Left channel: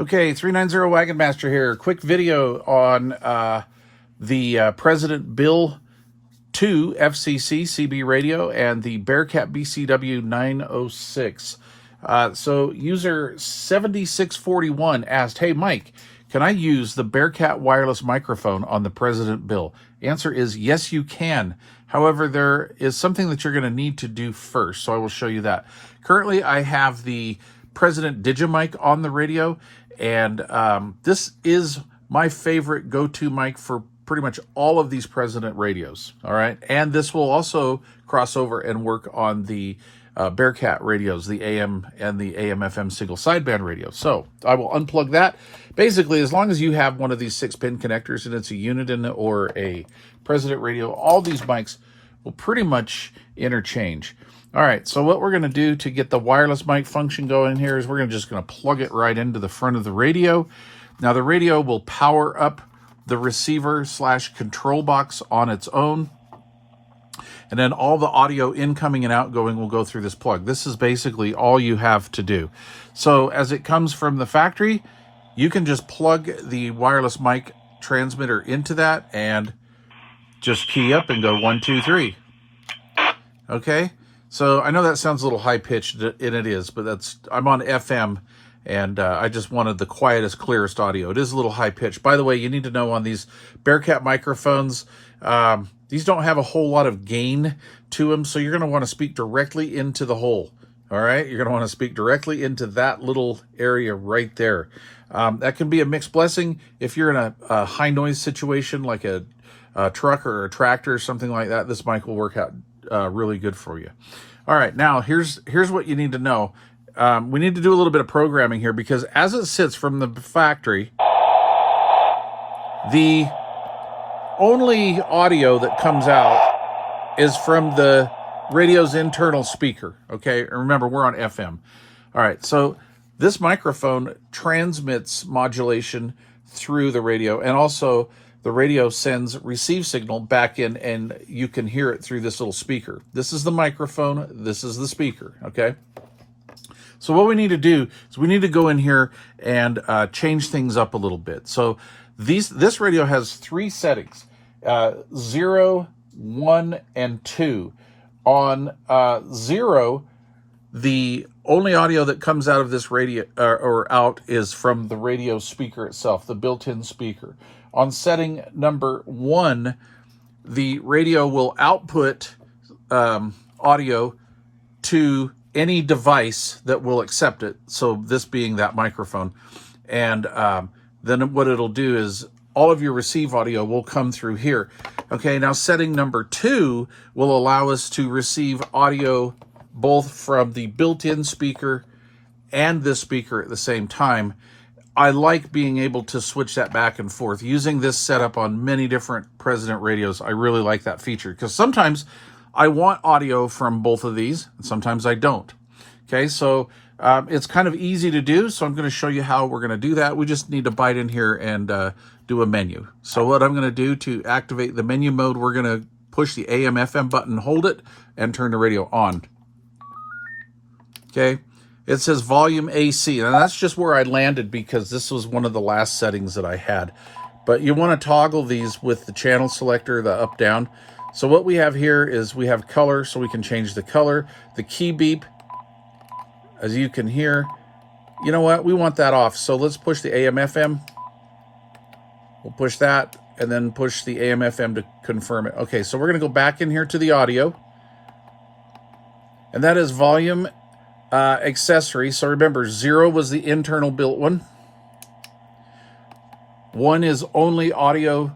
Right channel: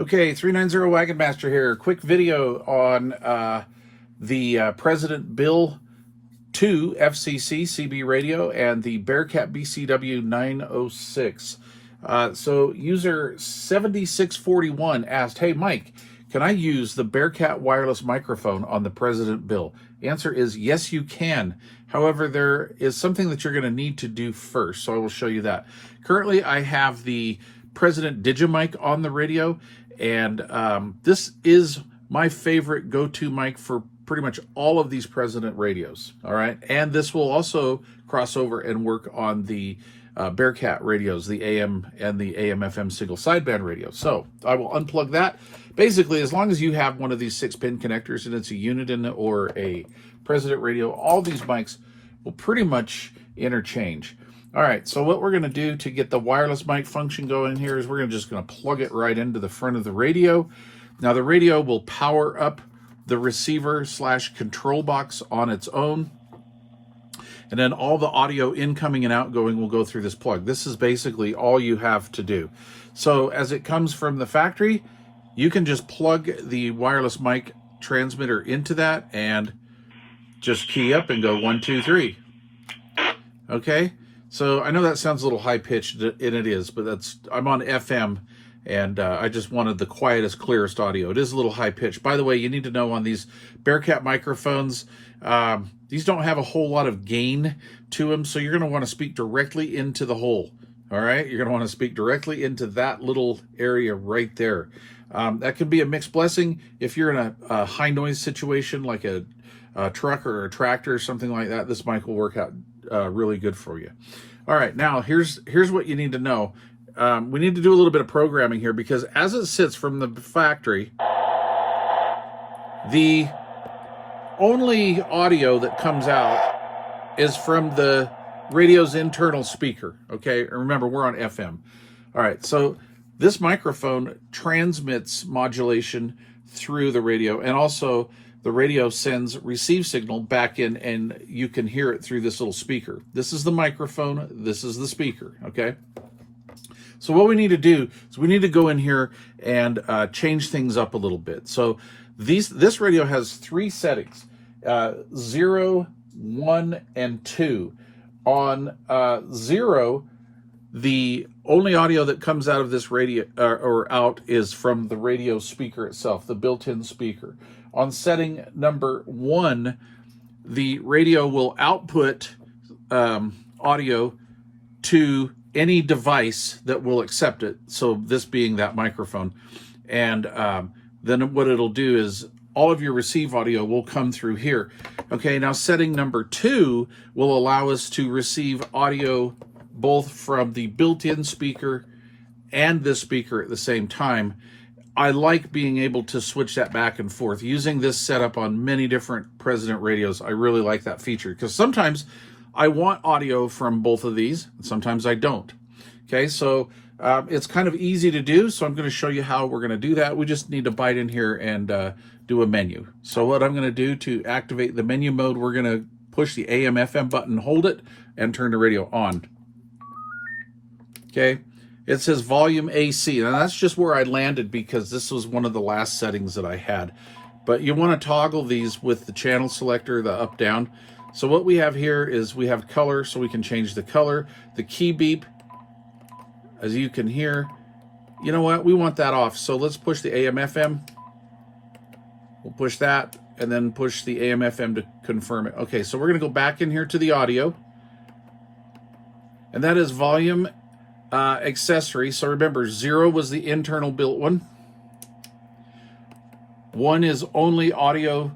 Okay, 390 Wagon Master here. Quick video on the President Bill 2 FCC CB radio and the BEARCAT BC906. So user 7641 asked, "Hey Mike, can I use the BEARCAT wireless microphone on the President Bill?" Answer is yes, you can. However, there is something that you're going to need to do first, so I will show you that. Currently, I have the President Digimic on the radio, and this is my favorite go-to mic for pretty much all of these President radios, all right? And this will also cross over and work on the BEARCAT radios, the AM and the AM/FM single sideband radios. So I will unplug that. Basically, as long as you have one of these 6-pin connectors and it's a Uniden or a President radio, all these mics will pretty much interchange. All right, so what we're going to do to get the wireless mic function going here is we're just going to plug it right into the front of the radio. Now the radio will power up the receiver/control box on its own, and then all the audio incoming and outgoing will go through this plug. This is basically all you have to do. So as it comes from the factory, you can just plug the wireless mic transmitter into that and just key up and go 1, 2, 3. Okay, so I know that sounds a little high-pitched, and it is, but I'm on FM, and I just wanted the quietest, clearest audio. It is a little high-pitched. By the way, you need to know on these BEARCAT microphones, these don't have a whole lot of gain to them, so you're going to want to speak directly into the hole, all right? You're going to want to speak directly into that little area right there. That can be a mixed blessing if you're in a high-noise situation like a truck or a tractor or something like that. This mic will work out really good for you. All right, now here's what you need to know. We need to do a little bit of programming here because as it sits from the factory, the only audio that comes out is from the radio's internal speaker, okay? Remember, we're on FM. All right, so this microphone transmits modulation through the radio, and also the radio sends receive signal back in, and you can hear it through this little speaker. This is the microphone, this is the speaker, okay? So what we need to do is we need to go in here and change things up a little bit. So this radio has 3 settings, 0, 1, and 2. On 0, the only audio that comes out of this radio or out is from the radio speaker itself, the built-in speaker. On setting number 1, the radio will output audio to any device that will accept it, so this being that microphone. And then what it'll do is all of your receive audio will come through here. Okay, now setting number 2 will allow us to receive audio both from the built-in speaker and this speaker at the same time. I like being able to switch that back and forth. Using this setup on many different President radios, I really like that feature because sometimes I want audio from both of these, and sometimes I don't. Okay, so it's kind of easy to do, so I'm going to show you how we're going to do that. We just need to bite in here and do a menu. So what I'm going to do to activate the menu mode, we're going to push the AM/FM button, hold it, and turn the radio on. Okay, it says volume AC, and that's just where I landed because this was one of the last settings that I had. But you want to toggle these with the channel selector, the up-down. So what we have here is we have color, so we can change the color. The key beep, as you can hear, you know what? We want that off. So let's push the AM/FM. We'll push that, and then push the AM/FM to confirm it. Okay, so we're going to go back in here to the audio. And that is volume accessory. So remember, 0 was the internal built one. 1 is only audio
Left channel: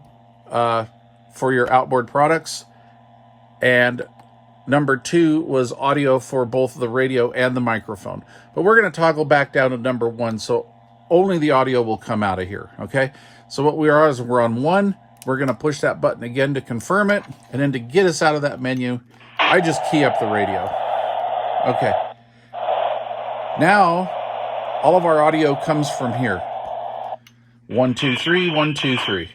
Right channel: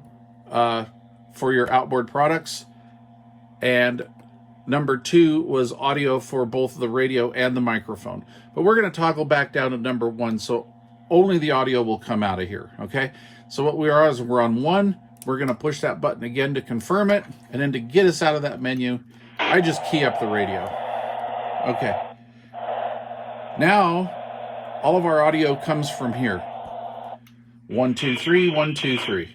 for your outboard products, and number 2 was audio for both the radio and the microphone. But we're going to toggle back down to number 1, so only the audio will come out of here, okay? So what we are is we're on 1, we're going to push that button again to confirm it, and then to get us out of that menu, I just key up the radio. Okay. Now, all of our audio comes from here. 1, 2, 3, 1, 2, 3.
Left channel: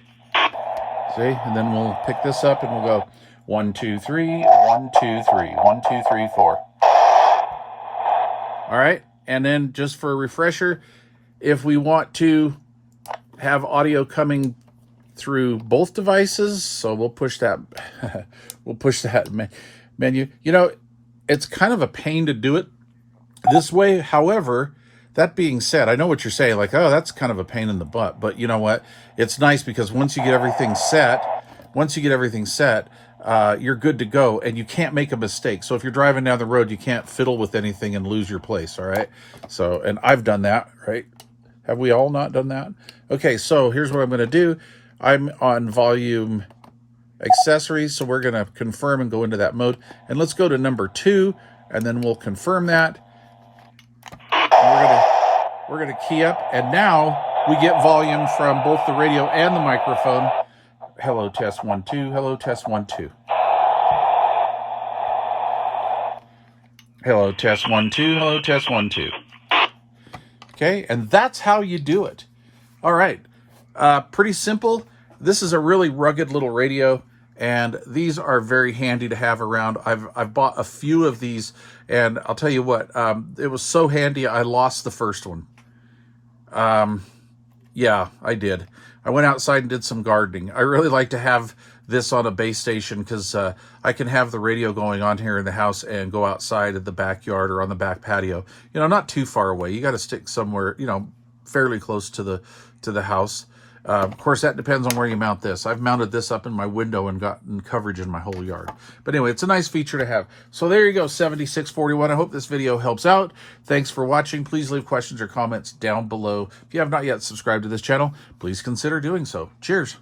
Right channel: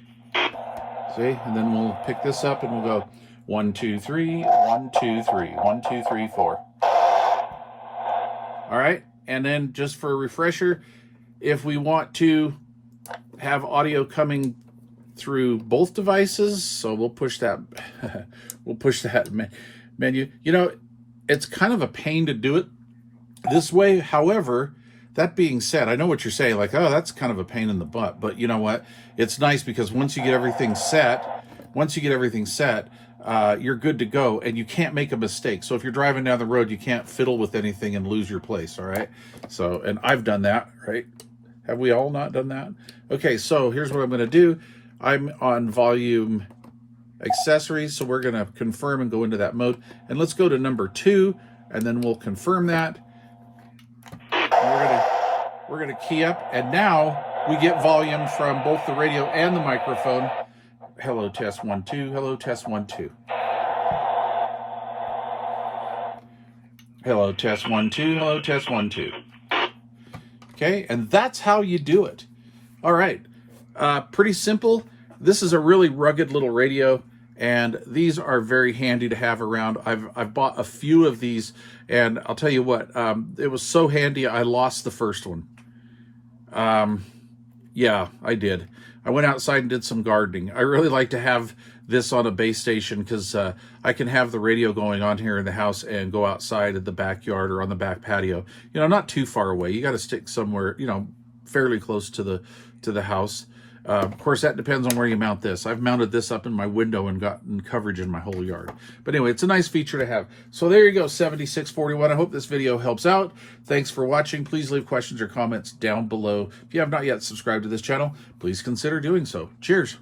See, and then we'll pick this up and we'll go 1, 2, 3, 1, 2, 3, 1, 2, 3, 4. All right, and then just for a refresher, if we want to have audio coming through both devices, so we'll push that we'll push that menu. You know, it's kind of a pain to do it this way. However, that being said, I know what you're saying, like, oh, that's kind of a pain in the butt, but you know what, it's nice because once you get everything set, you're good to go, and you can't make a mistake. So if you're driving down the road, you can't fiddle with anything and lose your place. All right, so, and I've done that, right? Have we all not done that? Okay, so here's what I'm going to do. I'm on volume accessories, so we're going to confirm and go into that mode. And let's go to number 2, and then we'll confirm that. And we're gonna key up, and now we get volume from both the radio and the microphone. Hello, test 1 2. Hello, test 1 2. Hello, test 1 2. Hello, test 1 2. Okay, and that's how you do it. All right, pretty simple. This is a really rugged little radio, and these are very handy to have around. I've bought a few of these, and I'll tell you what, it was so handy I lost the first one. Yeah, I did. I went outside and did some gardening. I really like to have this on a base station because I can have the radio going on here in the house and go outside in the backyard or on the back patio. You know, not too far away. You got to stick somewhere, you know, fairly close to the house. Of course, that depends on where you mount this. I've mounted this up in my window and gotten coverage in my whole yard. But anyway, it's a nice feature to have. So there you go, 7641. I hope this video helps out. Thanks for watching. Please leave questions or comments down below. If you have not yet subscribed to this channel, please consider doing so. Cheers.